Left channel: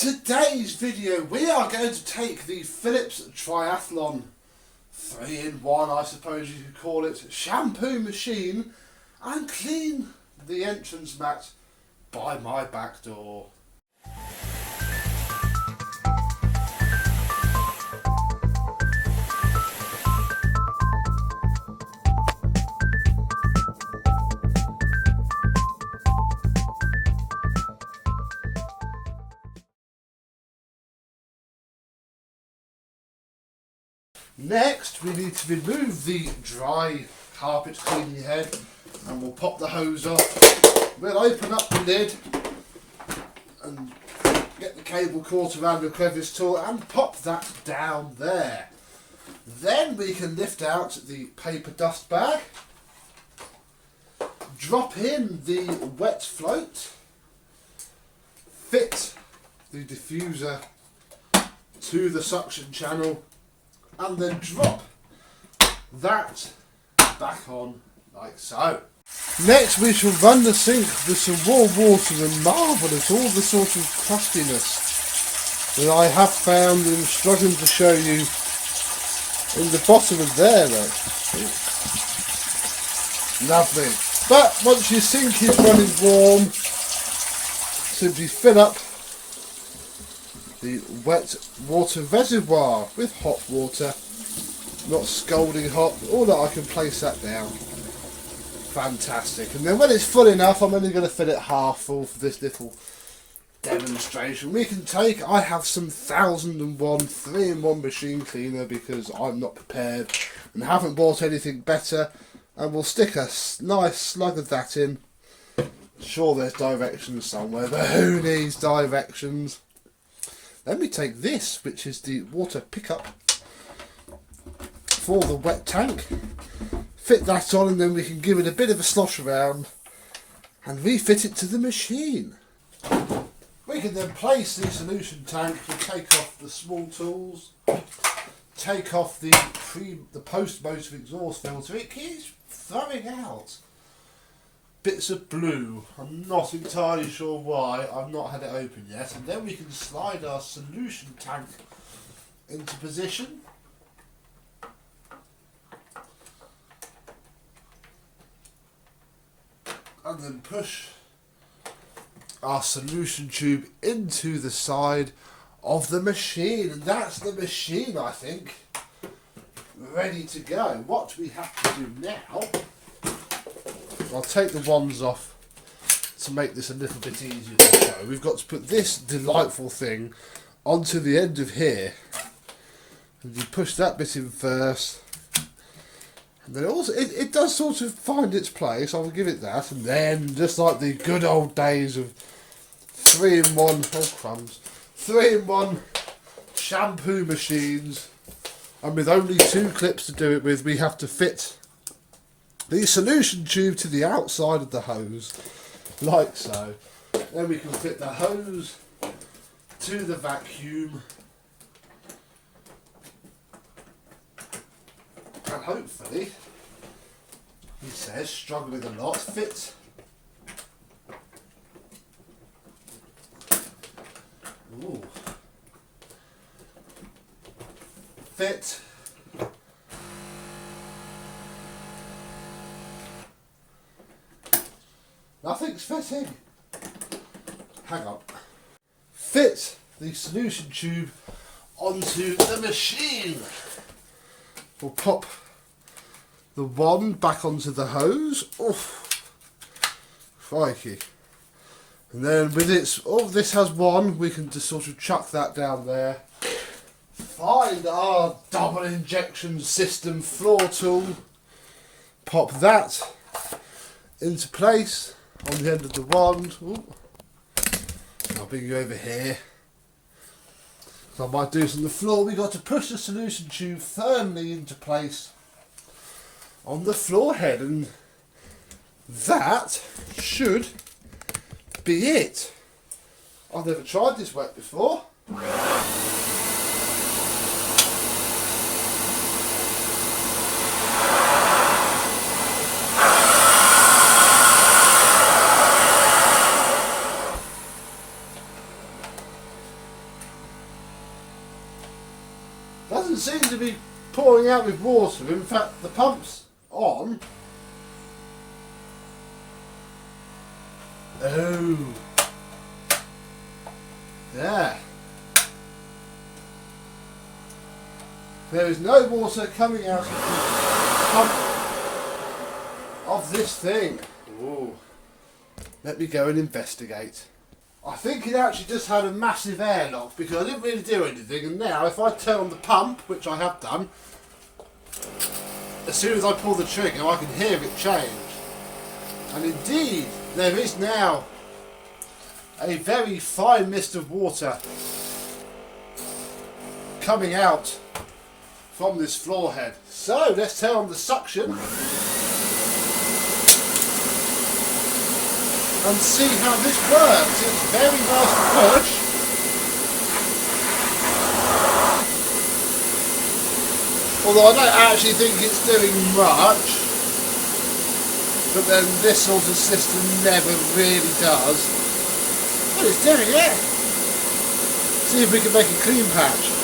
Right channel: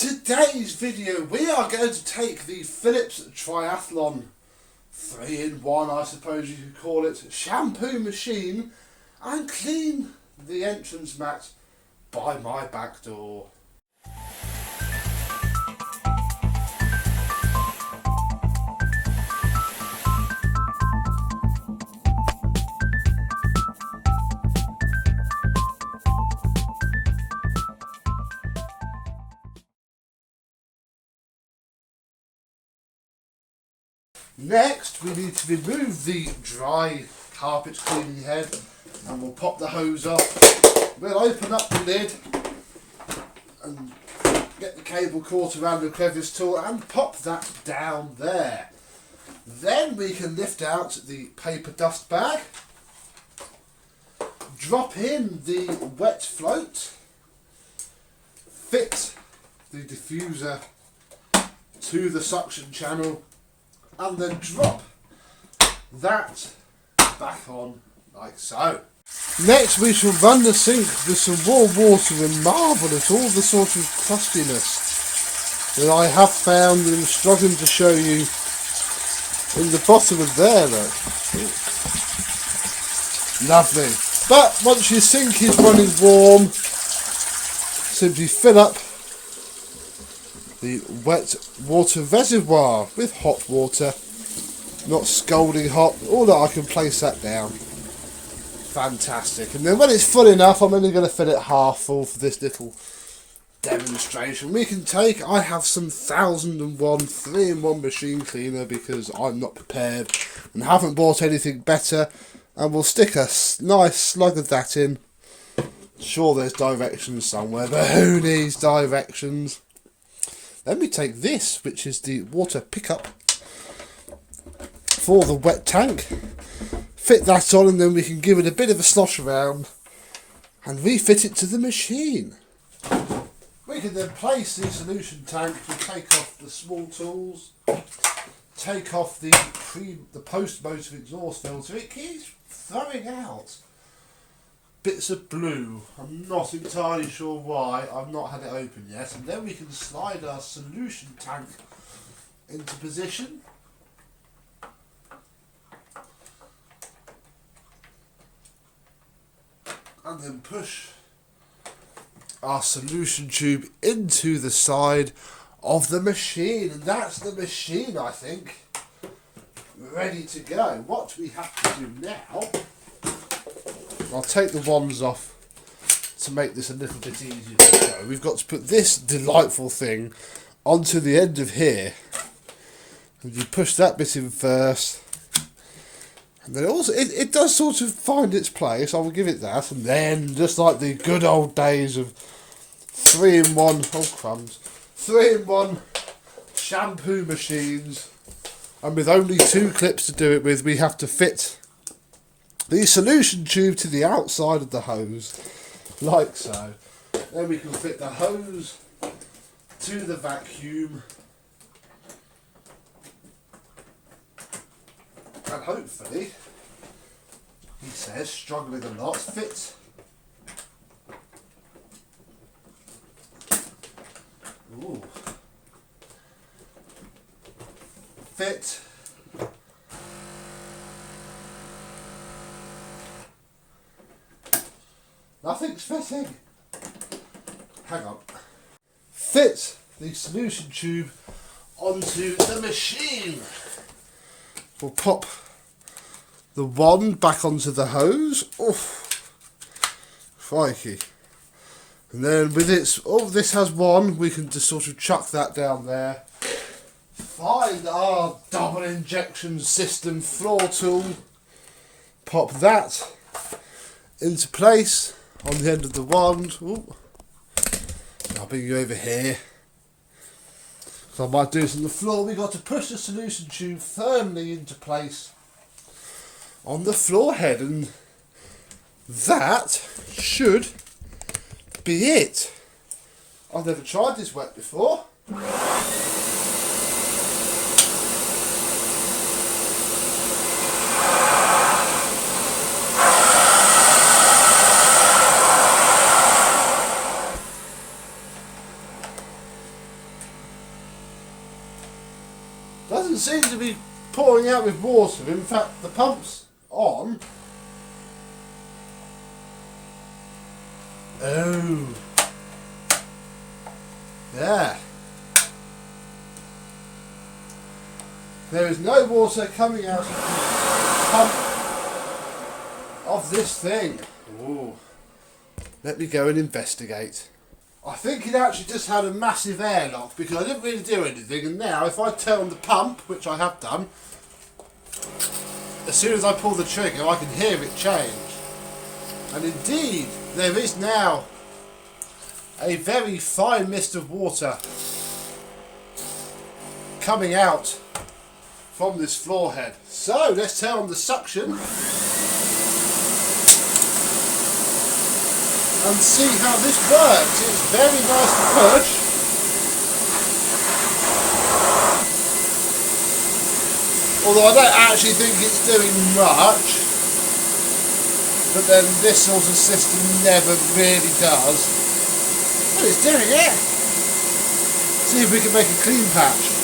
today's video we are going to take the Philips Triathlon 3-in-1, I suppose you could call it, shampoo machine and clean the entrance mat by my back door. Next, we need to remove the dry carpet cleaning head and we'll pop the hose off. We'll open up the lid and get the cable caught around the crevice tool and pop that down there. Then we can lift out the paper dust bag, drop in the wet float, fit the diffuser to the suction channel, and then drop that back on like so. Next we shall run the sink with some warm water and marvel at all the sort of crustiness that I have found and struggling to show you in the bottom of there though. Lovely. But once your sink is running warm, simply fill up the wet water reservoir with hot water, not scalding hot, all that I can place that down. Fantastic. And then when it's full enough, I'm only going to fill it half full for this little demonstration. We can take, I have some 1001 3-in-1 machine cleaner because I'm not prepared and haven't bought anything better, and we'll stick a nice slug of that in. Sure there's directions somewhere, but who needs directions? Then we take this, which is the water pickup for the wet tank, fit that on, and then we can give it a bit of a slosh around and refit it to the machine. We can then place the solution tank, we'll take off the small tools, take off the post-motor exhaust filter. It keeps throwing out bits of blue. I'm not entirely sure why. I've not had it open yet. And then we can slide our solution tank into position. And then push our solution tube into the side of the machine. And that's the machine, I think, ready to go. What we have to do now, I'll take the wands off to make this a little bit easier to show. We've got to put this delightful thing onto the end of here. And you push that bit in first. And then also, it does sort of find its place, I will give it that. And then, just like the good old days of 3-in-1, oh crumbs, 3-in-1 shampoo machines. And with only 2 clips to do it with, we have to fit the solution tube to the outside of the hose, like so. Then we can fit the hose to the vacuum, and hopefully, he says, struggling a lot, fit fit nothing's fitting. Hang on. Fit the solution tube onto the machine. We'll pop the wand back onto the hose. Oh, crikey. And then with its, this has one, we can just sort of chuck that down there. Find our double injection system floor tool. Pop that into place on the end of the wand. Ooh. I'll bring you over here. So I might do this on the floor. We've got to push the solution tube firmly into place on the floor head, and that should be it. I've never tried this wet before. Doesn't seem to be pouring out with water. In fact, the pump's on. Oh. Yeah. There is no water coming out of the pump of this thing. Ooh. Let me go and investigate. I think it actually just had a massive airlock because I didn't really do anything, and now if I turn on the pump, which I have done, as soon as I pull the trigger I can hear it change. And indeed, there is now a very fine mist of water coming out from this floor head. So let's turn on the suction and see how this works. It's very nice to push. Although I don't actually think it's doing much. But then this sort of system never really does. But it's doing it. See if we can make a clean patch.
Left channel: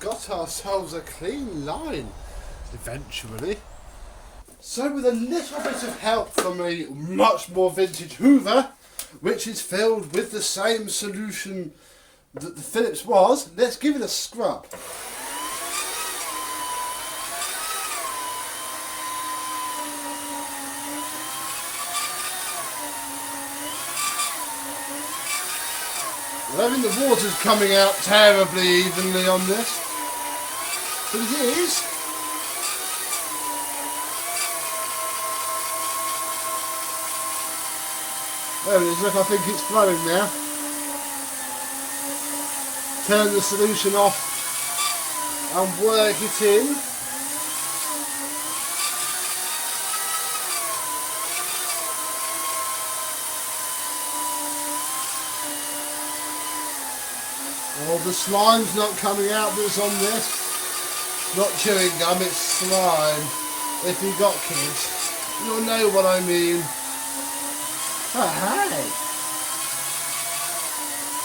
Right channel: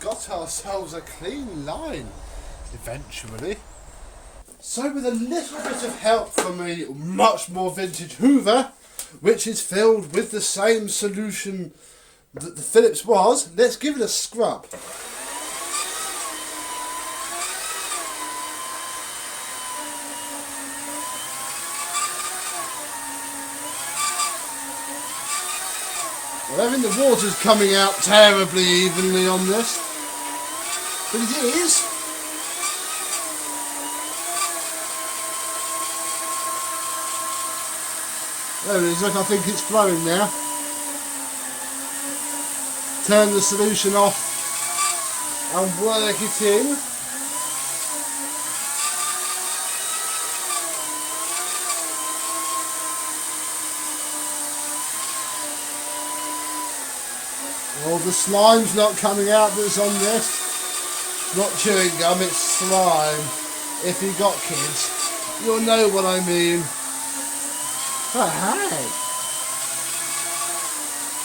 Got ourselves a clean line eventually. So with a little bit of help from a much more vintage Hoover, which is filled with the same solution that the Philips was, let's give it a scrub. Well, I mean the water's coming out terribly evenly on this. But it is. There it is, look, I think it's flowing now. Turn the solution off and work it in. Well, the slime's not coming out that's on this. Not chewing gum, it's slime. If you've got kids, you'll know what I mean. Oh, hey.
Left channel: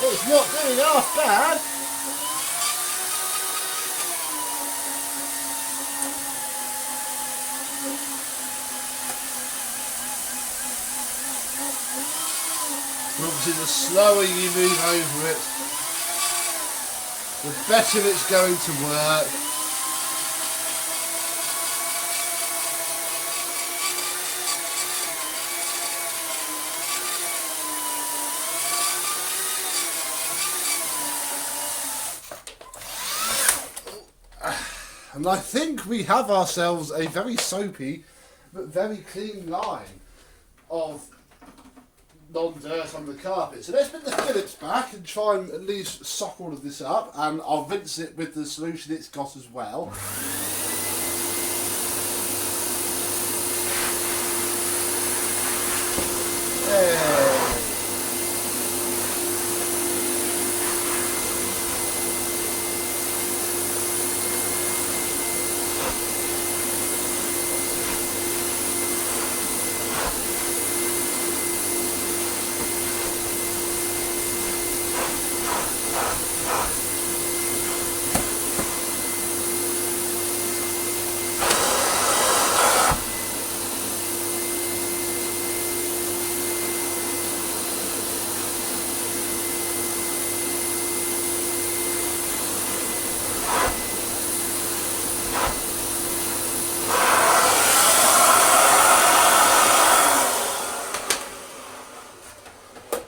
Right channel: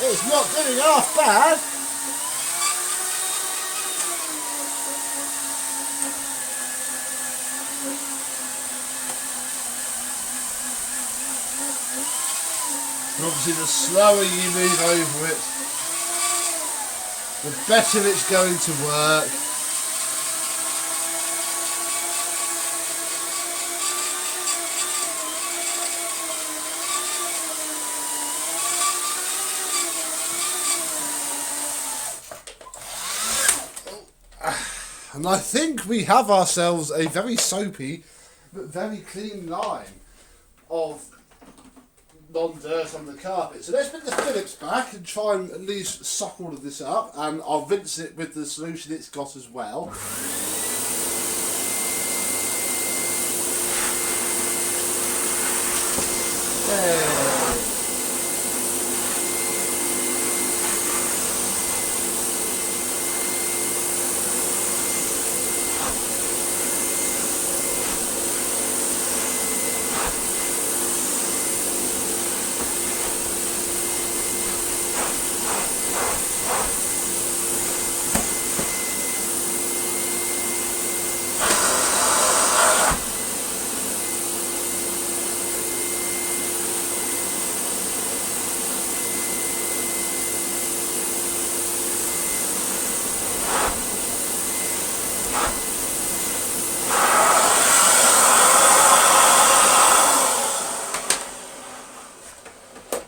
It's not doing half bad. Obviously, the slower you move over it, the better it's going to work. And I think we have ourselves a very soapy but very clean line of non-dirt on the carpet. So let's put the Philips back and try and at least suck all of this up, and I'll rinse it with the solution it's got as well. There.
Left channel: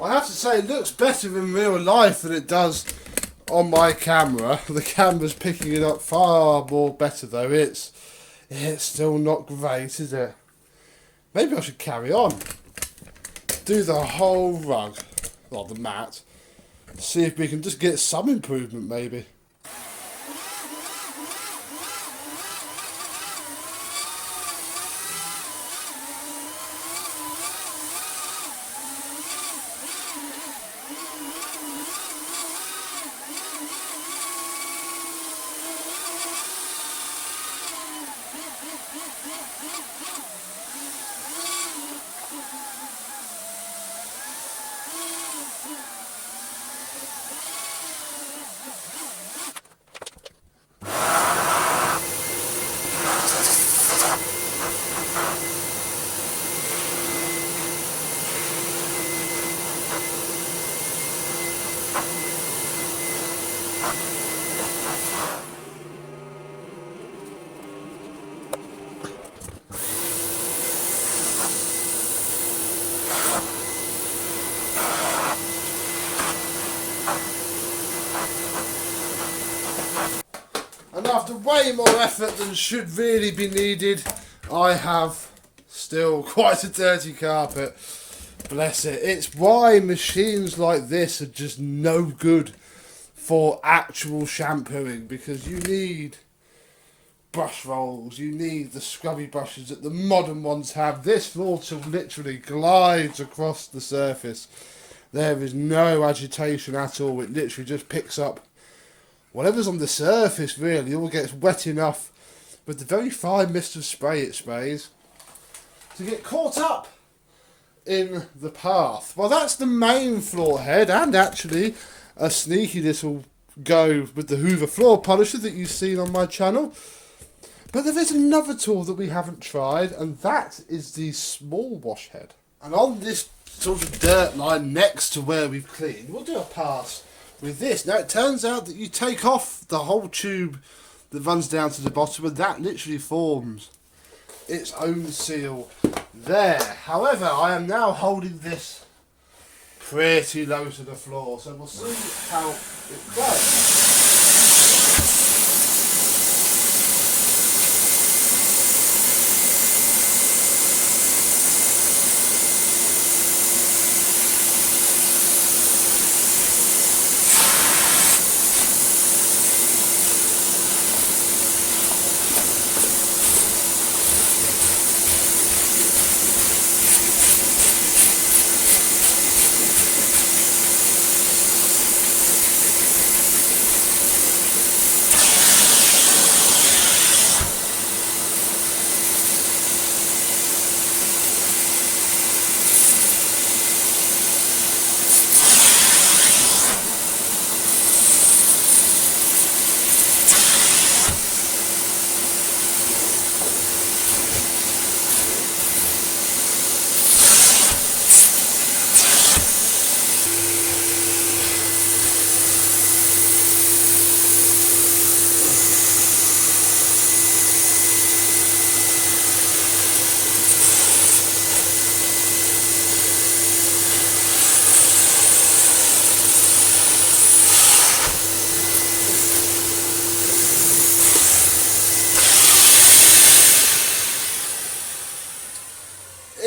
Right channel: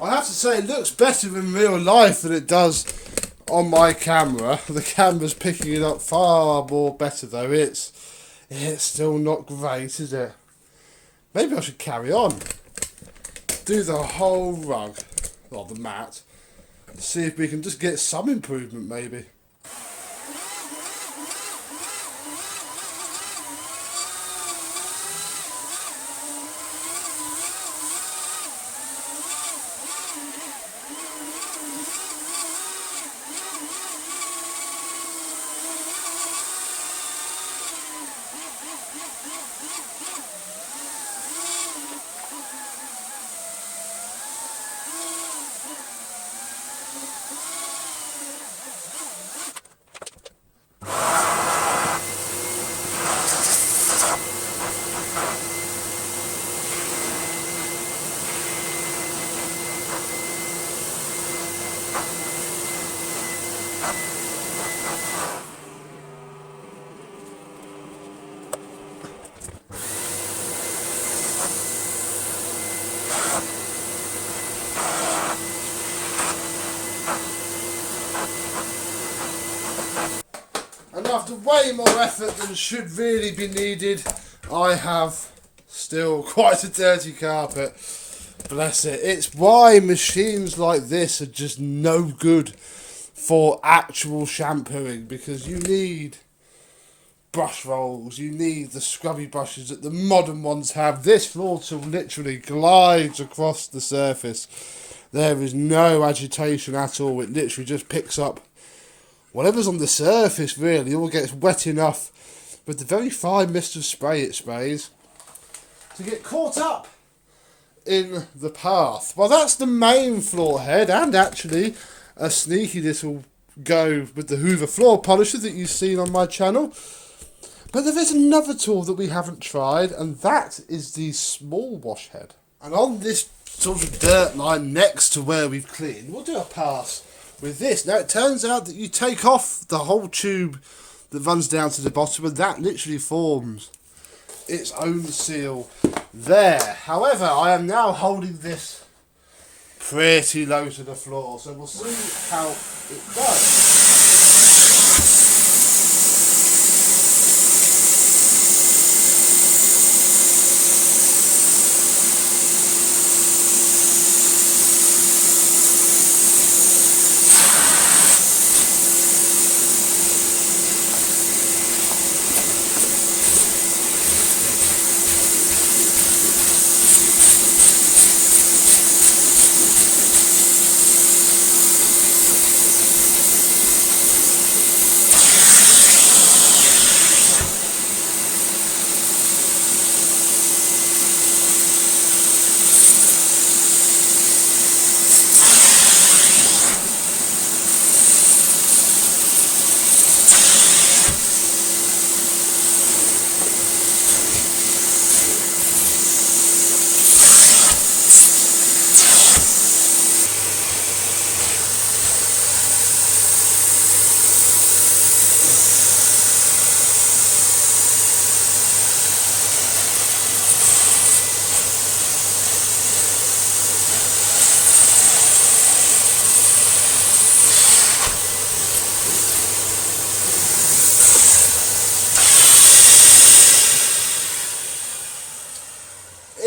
I have to say, it looks better in real life than it does on my camera. The camera's picking it up far more better though. It's still not great, is it? Maybe I should carry on. Do the whole rug, or the mat. See if we can just get some improvement maybe. And after way more effort than should really be needed, I have still quite a dirty carpet. Bless it. It's why machines like this are just no good for actual shampooing, because you need brush rolls, you need the scrubby brushes that the modern ones have. This floor tool literally glides across the surface. There is no agitation at all. It literally just picks up whatever's on the surface, really. All gets wet enough with the very fine mist of spray it sprays to get caught up in the path. Well, that's the main floor head, and actually a sneaky little go with the Hoover floor polisher that you've seen on my channel. But there is another tool that we haven't tried, and that is the small wash head. And on this sort of dirt line next to where we've cleaned, we'll do a pass with this. Now, it turns out that you take off the whole tube that runs down to the bottom, and that literally forms its own seal there. However, I am now holding this pretty low to the floor, so we'll see how it does.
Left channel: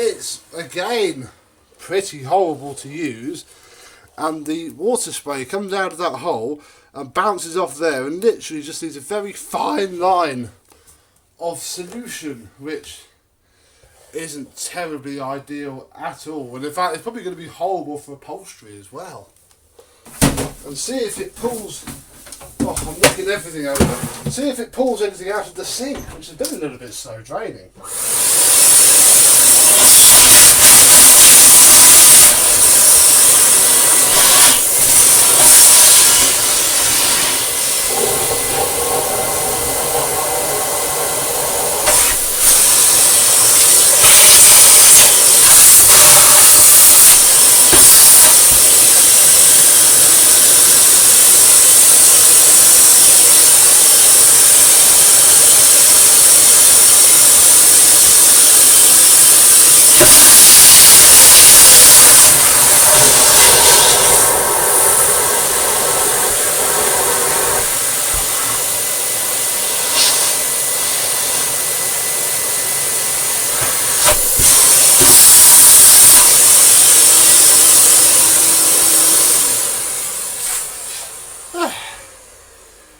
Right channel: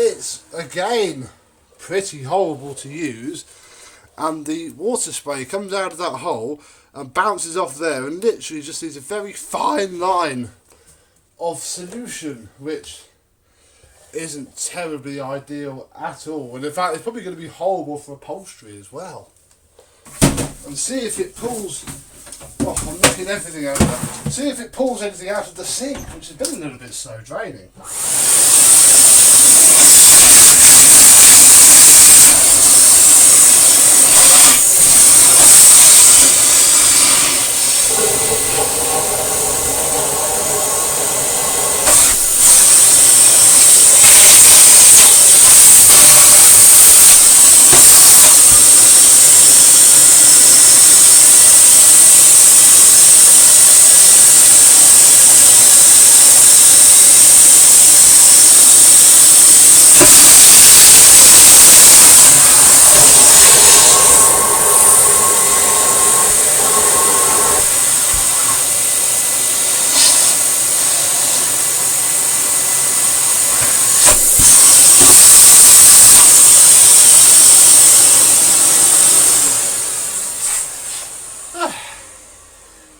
It's, again, pretty horrible to use, and the water spray comes out of that hole and bounces off there and literally just leaves a very fine line of solution, which isn't terribly ideal at all. And in fact, it's probably going to be horrible for upholstery as well. And see if it pulls... Oh, I'm knocking everything over. See if it pulls anything out of the sink, which has been a little bit slow draining.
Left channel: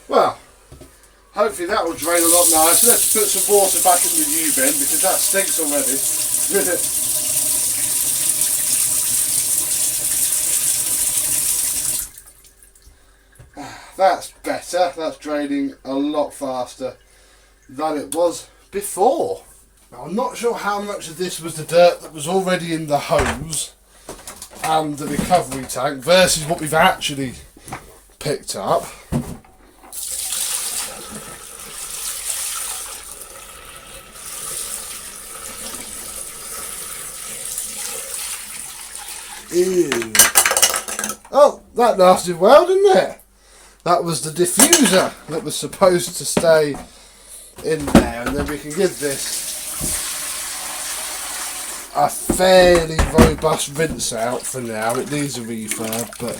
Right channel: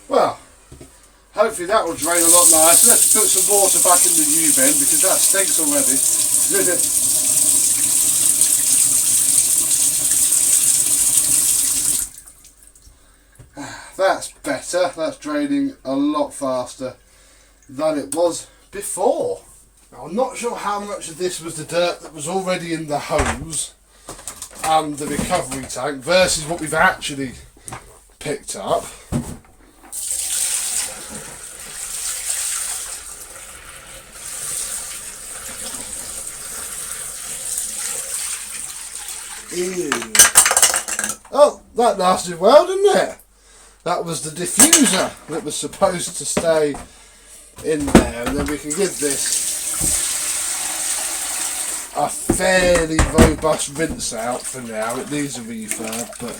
Well, hopefully that will drain a lot nicer. Let's put some water back in the new bin because that stinks already. That's better. That's draining a lot faster than it was before. Now, I'm not sure how much of this was the dirt that was already in the hose and the recovery tank versus what we've actually picked up. Ew. Oh, that lasted well, didn't it? That was the diffuser that was supposed to stay in there, and then we can give this a fairly robust rinse out for now. It needs a refurb, but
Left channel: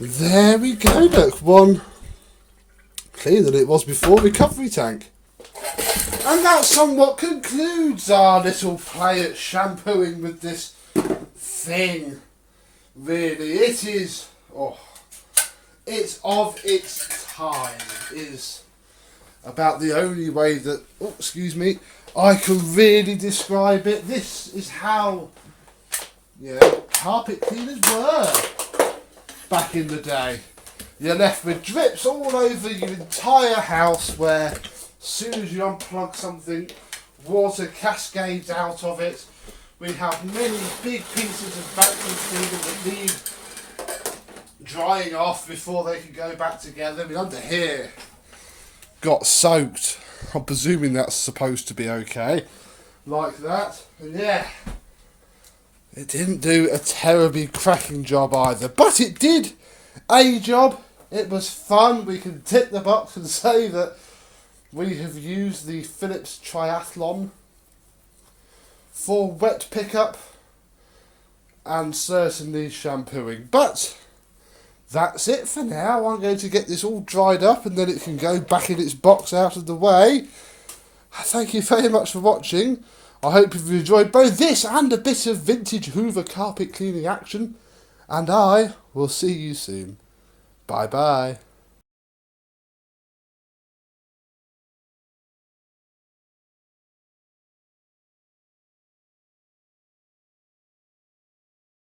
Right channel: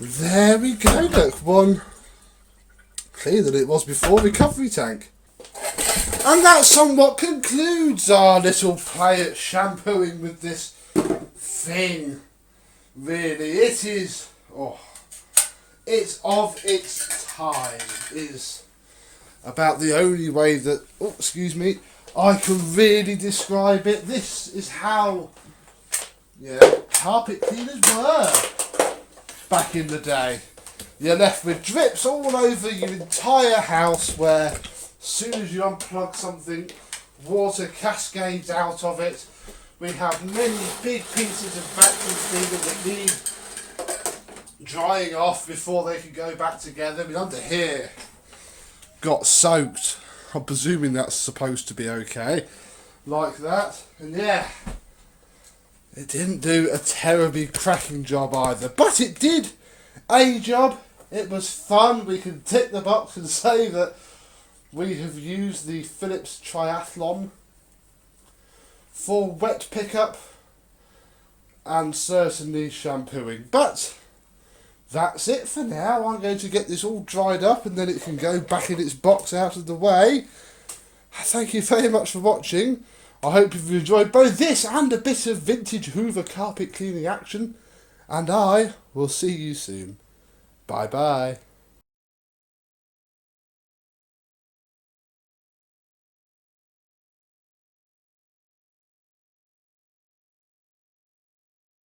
there we go. Look, one cleaner than it was before. Recovery tank. And that somewhat concludes our little play at shampooing with this thing. Really, it is, it's of its time. It is about the only way that, I can really describe it. This is how, carpet cleaners were back in the day. You're left with drips all over your entire house where as soon as you unplug something, water cascades out of it. We have many big pieces of vacuum cleaner that need drying off before they can go back together. I mean, under here got soaked. I'm presuming that's supposed to be okay. Like that. And yeah, it didn't do a terribly cracking job either. But it did a job. It was fun. We can tick the box and say that we have used the Philips Triathlon for wet pickup and certainly shampooing. But that's it for now. I'm going to get this all dried up and then it can go back in its box out of the way. Thank you very much for watching. I hope you've enjoyed both this and a bit of vintage Hoover carpet cleaning action. And I will see you soon. Bye bye.